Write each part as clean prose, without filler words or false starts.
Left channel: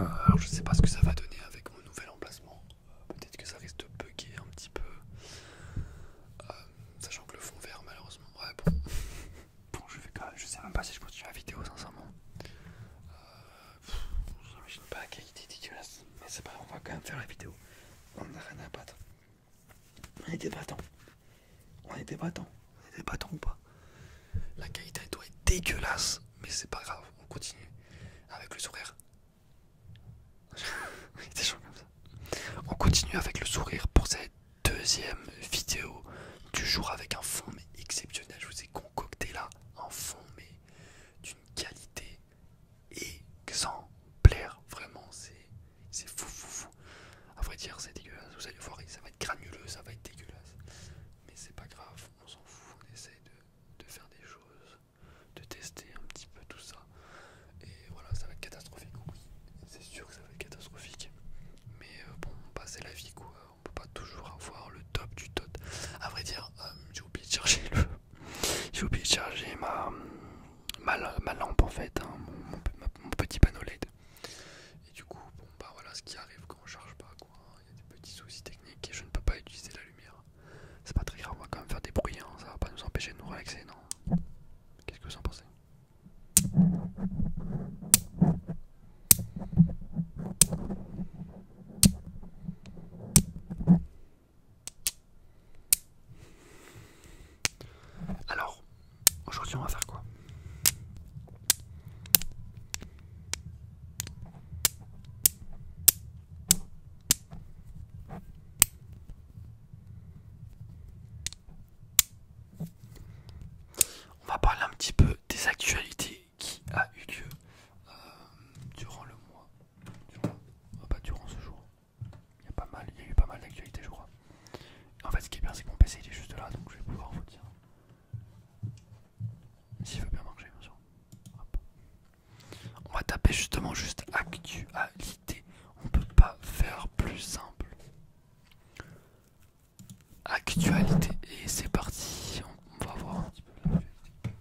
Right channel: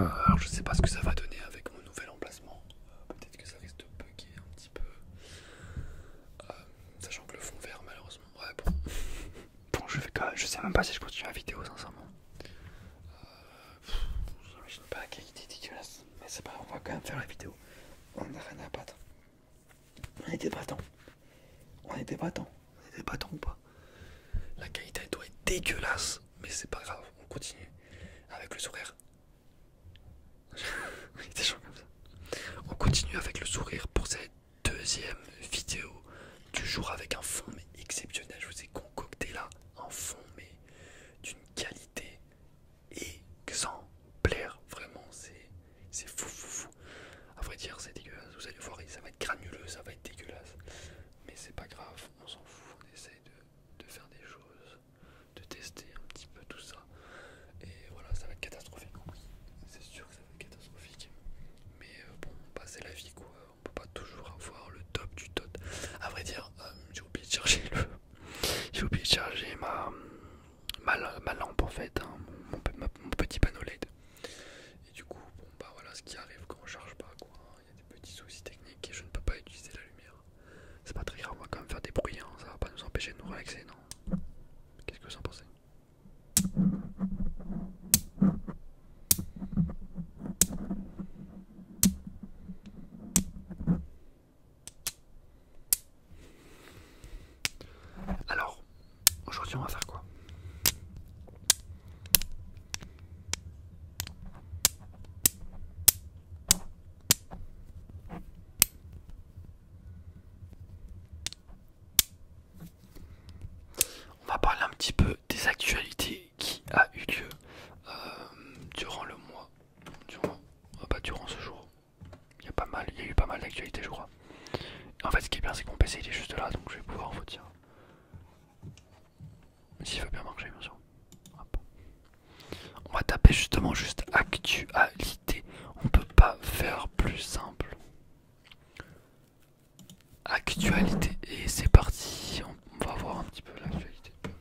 Alors je sais pas ce que ça va donner avec mon nouvel emplacement. Peut-être que ça risque de bugger un petit peu. Sachant que le fond vert malheureusement. Ouais bon. Bon je sais même pas si je continue la vidéo sincèrement. J'imagine pas la qualité dégueulasse. Mais c'est pas grave, on va quand même faire la vidéo. On n'a rien à battre. On est des battants. On est des battants. On est des battants ou pas? La qualité doit être dégueulasse. Mais c'est pas grave, on continue. Avec le sourire. Des gens comme ça. On continue avec le sourire pour cette deuxième vidéo du jour avec un fond mais exceptionnel. Je vous ai concocté là un fond mais d'une qualité exemplaire. Vraiment, c'est fou. À vrai dire, c'est dégueulasse. Vous allez voir, ça va être granuleux, ça va être dégueulasse. Mais c'est pas grave, on s'en fout. On essaie de faire des choses, de tester un petit peu tout ça. Et voilà, ça va être catastrophique. Oui, c'est sûr que ça va être catastrophique. Mais bon, bah, c'est la vie quoi. On peut pas toujours avoir le top du top. À vrai dire, j'ai oublié de charger ma lampe en fait, hein, mon petit panneau LED. Et du coup, bon bah voilà ce qui arrive quand on charge pas quoi. Il y a des petits soucis techniques et je ne peux pas utiliser la lumière. C'est pas très grave, on va quand même faire des bruits, hein. Ça va pas nous empêcher de nous relaxer, non? Qu'est-ce que vous en pensez? Alors, aujourd'hui on va faire quoi? On va parler un petit peu des actualités qui a eu lieu durant le mois, durant ce jour. Il y a eu pas mal d'actualités je crois. En fait ce qui est bien c'est que mon PC il est juste là donc je vais pouvoir vous dire. S'il veut bien marcher bien sûr. Hop. On va taper justement juste actualité. On peut pas faire plus simple. Actualité et c'est parti. On va voir un petit peu l'actualité. Ouais,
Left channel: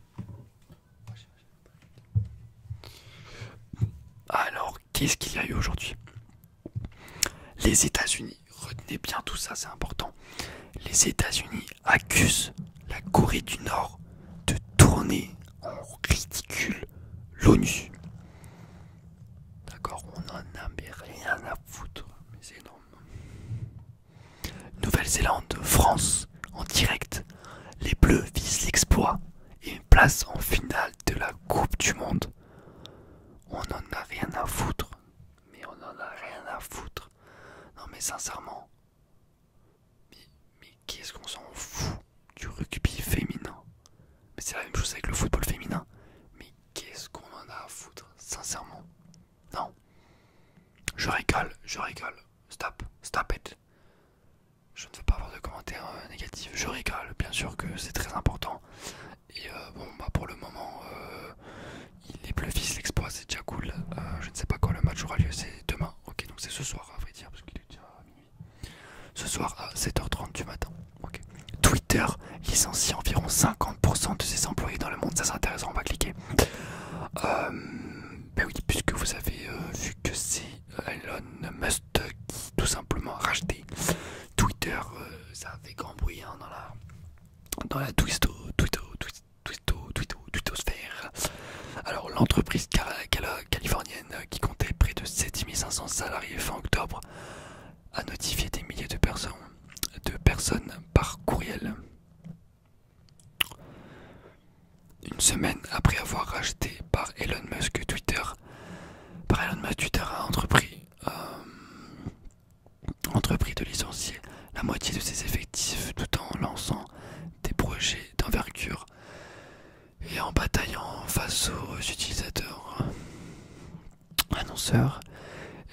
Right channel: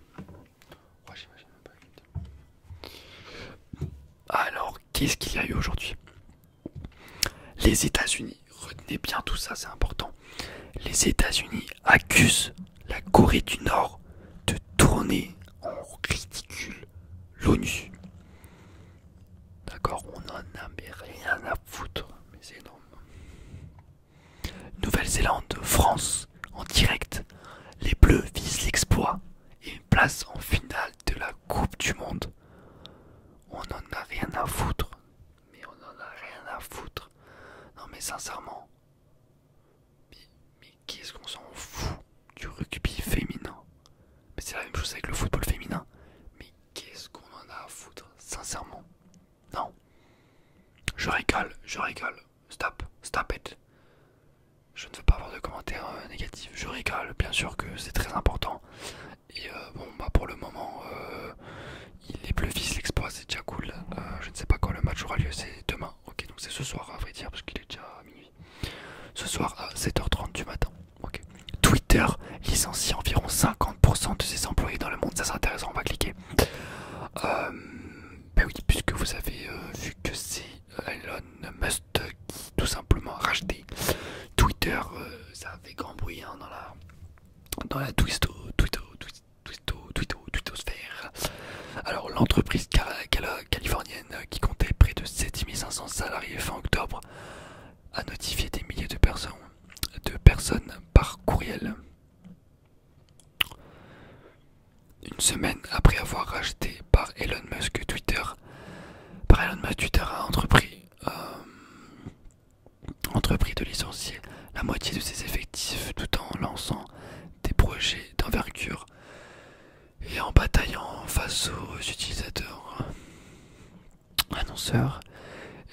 j'imagine même pas l'actualité. Alors, qu'est-ce qu'il y a eu aujourd'hui? Les États-Unis, retenez bien tout ça, c'est important. Les États-Unis accusent la Corée du Nord de tourner en ridicule l'ONU. D'accord, on en a mais rien à foutre, mais c'est énorme. Nouvelle-Zélande, France, en direct. Les Bleus visent l'exploit et une place en finale de la Coupe du Monde. On en a rien à foutre, mais on en a rien à foutre. Non mais sincèrement, mais qu'est-ce qu'on s'en fout du rugby féminin? Mais c'est la même chose avec le football féminin. Mais qu'est-ce qu'on en a à foutre, sincèrement? Non. Je rigole. Stop it. Je ne veux pas avoir de commentaires négatifs. Je rigole, bien sûr que c'est très important. Et bon, bah pour le moment, les Bleus visent l'exploit, c'est déjà cool. Je ne sais pas quand le match aura lieu, c'est demain. Ok, donc c'est ce soir, à vrai dire, parce qu'il est déjà minuit. Ce soir à 7h30 du matin. Ok. Twitter licencie environ 50% de ses employés dans le monde. Ça c'est intéressant, on va cliquer. Ben oui, puisque vous avez vu que c'est Elon Musk qui tout simplement a racheté Twitter, ça a fait grand bruit hein, dans la twittosphère. Alors l'entreprise californienne qui comptait près de 7500 salariés fin octobre a notifié des milliers de personnes par courriel. Une semaine après avoir racheté par Elon Musk Twitter, Twitter a entrepris de licencier la moitié de ses effectifs tout en lançant des projets d'envergure et en bataillant face aux utilisateurs, annonceurs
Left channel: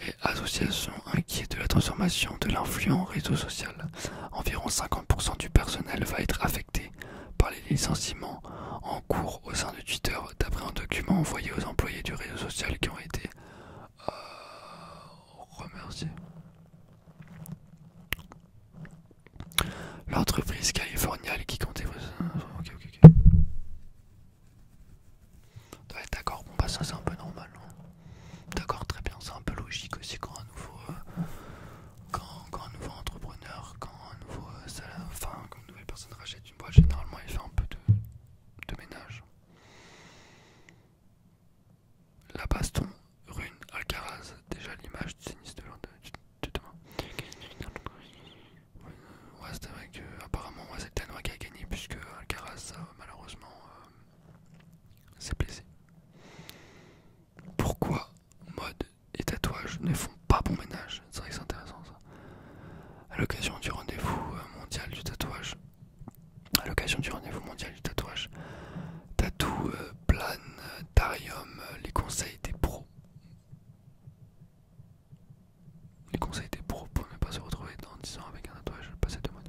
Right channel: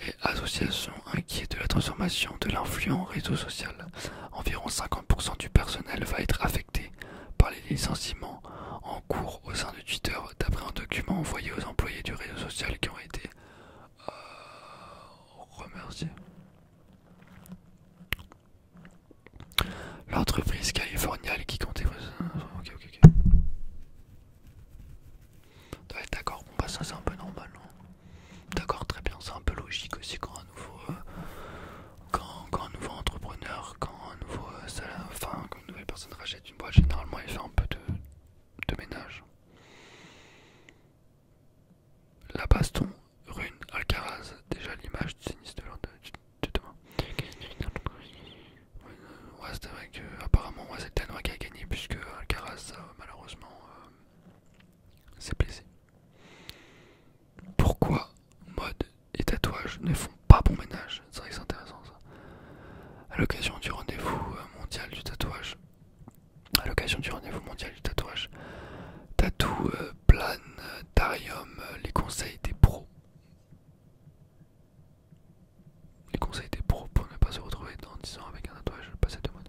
et associations inquiets de la transformation de l'influent réseau social. Environ 50% du personnel va être affecté par les licenciements en cours au sein de Twitter, d'après un document envoyé aux employés du réseau social qui ont été remerciés. L'entreprise californienne qui comptait... Ok. Ouais, d'accord, bon bah ça c'est un peu normal. Hein. D'accord, très bien, c'est un peu logique. s'est blessé. Pourquoi mode et tatouage ne font pas bon ménage? C'est vrai que c'est intéressant ça. À l'occasion du rendez-vous mondial du tatouage. À l'occasion du rendez-vous mondial du tatouage. Tatou, Planetarium, les conseils des pros. Les conseils des pros pour ne pas se retrouver dans 10 ans avec un tatouage passé de mode.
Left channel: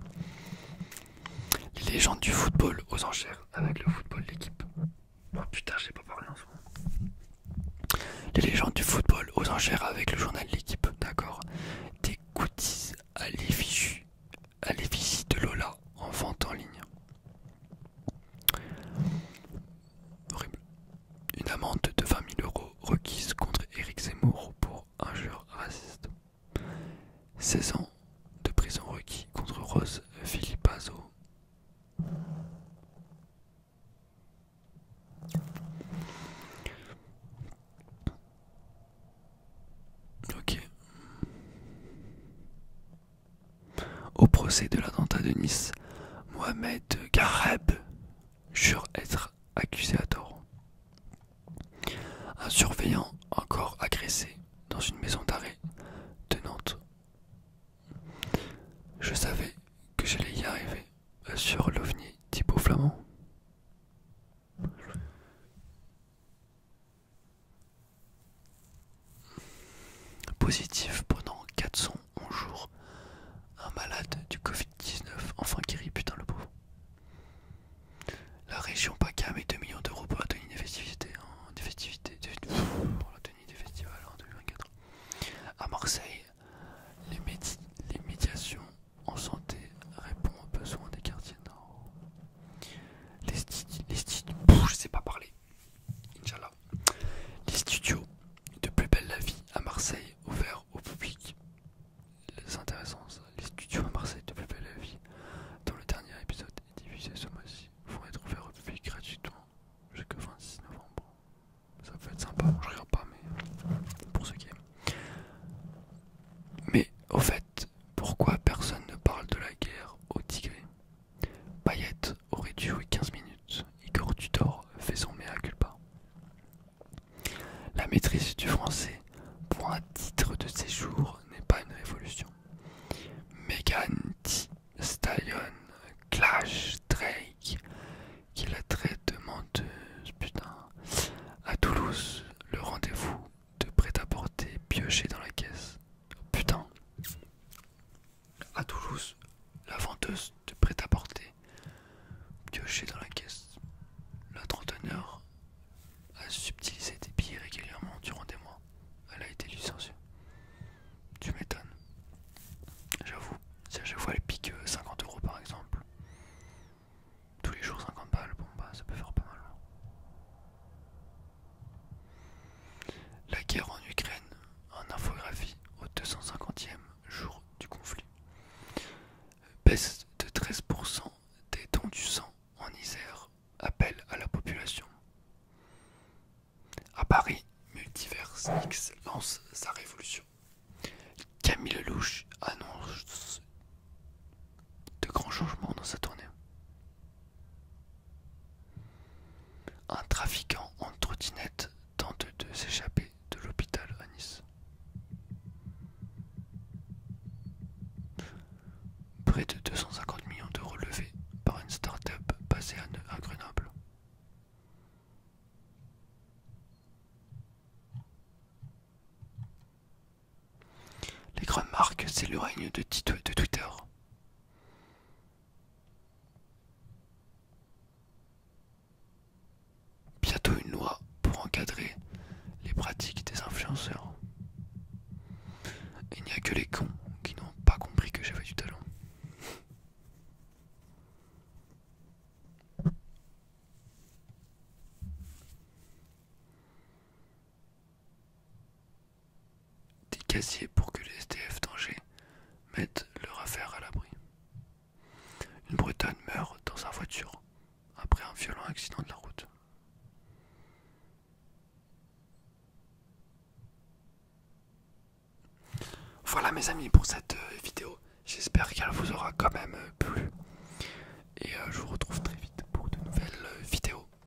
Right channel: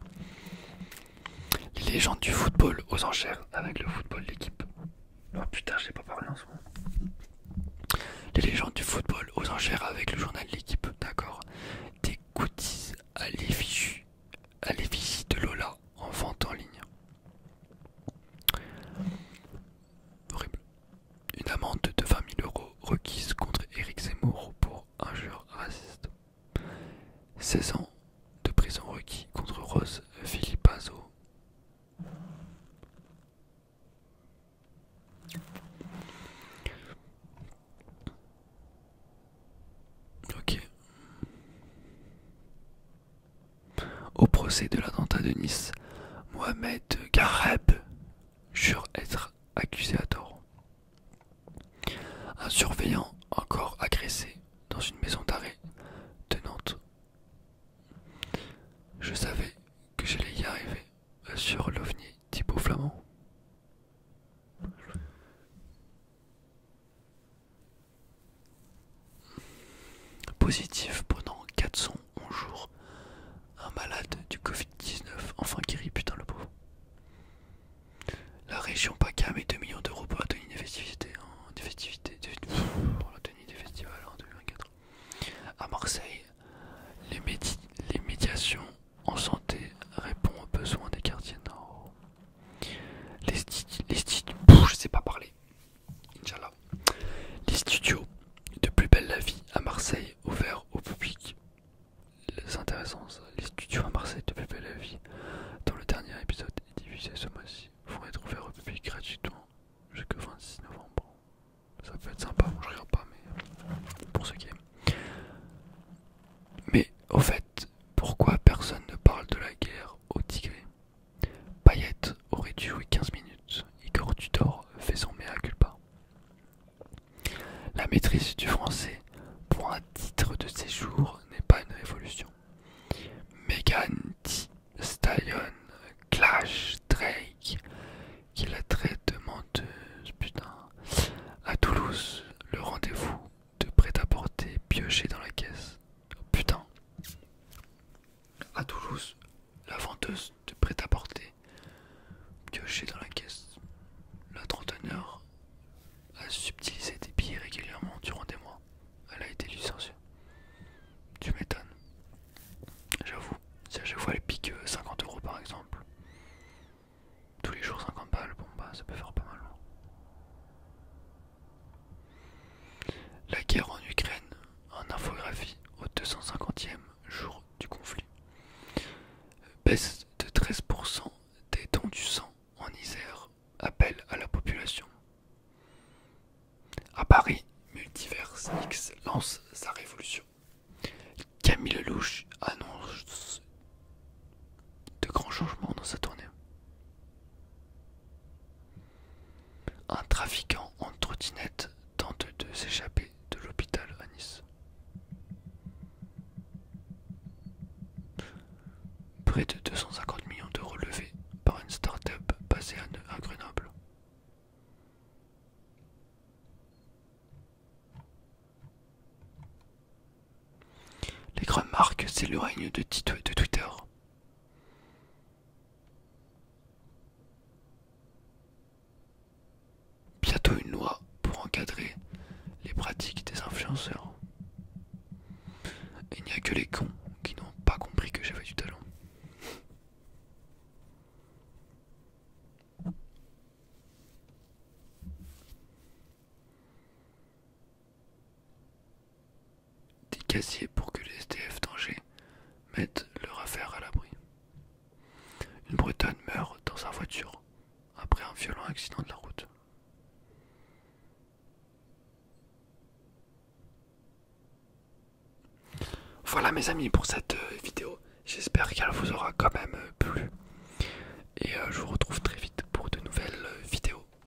Les légendes du football aux enchères avec le football d'équipe. Oh putain, j'ai pas parlé en ce moment. Les légendes du football aux enchères avec le journal de l'équipe, d'accord. Des goodies à l'effigie de Lola en vente en ligne. Horrible. Une amende de 20 000 € requise contre Éric Zemmour pour injure raciste. 16 ans de prison requis contre Rose Philippazo. Ok. Au procès de l'attentat de Nice, Mohamed Gareb jure être accusé à tort. Un surveillant encore agressé dans une maison d'arrêt de Nantes. Je savais que j'allais y arriver, assure l'OVNI Thibaut Flamand. Positif pendant 411 jours. Un malade du Covid-19 enfin guéri, putain le pauvre. La région PACA met 2 millions d'euros pour la tenue des festivités. Pour la tenue des festivals en 2024. À Marseille, les médiations en santé répondent aux besoins des quartiers nord. Je sais pas parler. Inch'Allah. Les studios de Plus belle la vie à Marseille ouverts au public. C'est intéressant ça. Les studios à Marseille de Plus belle la vie, dont le dernier épisode est diffusé ce mois-ci, vont être ouverts au public gratuitement jusqu'au 26 novembre. Ça peut être sympa, je regarde pas, mais pour ceux qui aiment. Mais au fait, pourquoi personne ne parle de la guerre au Tigré? Payet aurait dû jouer 15 minutes. Igor Tudor fait son mea culpa. La maîtrise du français pour un titre de séjour n'est pas une révolution. Megan Thee Stallion clash Drake qui la traite de menteuse. Putain. À Toulouse, le rendez-vous de prêt-à-porter pioché dans la caisse. Putain. À Toulouse, la vendeuse de prêt-à-porter pioché dans la caisse. La trentenaire a subtilisé des billets régulièrement durant des mois. Elle a été licenciée. Tu m'étonnes. J'avoue, si à chaque fois elle pique 50 € par exemple, tous les jours 50 balles, bon bah ça peut faire pas mal. La guerre en Ukraine, en infographie au 250e jour du conflit. Baisse de 13% des dons du sang en Isère, appel à la population. À Paris, Multiverse X lance sa révolution. Camille Lelouch annonce de grands changements dans sa tournée. Un trafiquant en trottinette tente de s'échapper de l'hôpital à Nice. Près de 250 millions d'euros levés par une start-up basée à Grenoble. Les grandes marques, c'est le règne de Twitter. Bientôt une loi pour encadrer les pratiques des influenceurs. Il n'y a que les cons qui n'ont pas compris que j'avais du talent. Des casiers pour que les SDF d'Angers mettent leur affaire à l'abri. Une Bretonne meurt dans sa voiture après un violent accident de la route. Voilà mes amis pour cette vidéo, j'espère qu'elle vous aura quand même plu et je vous retrouve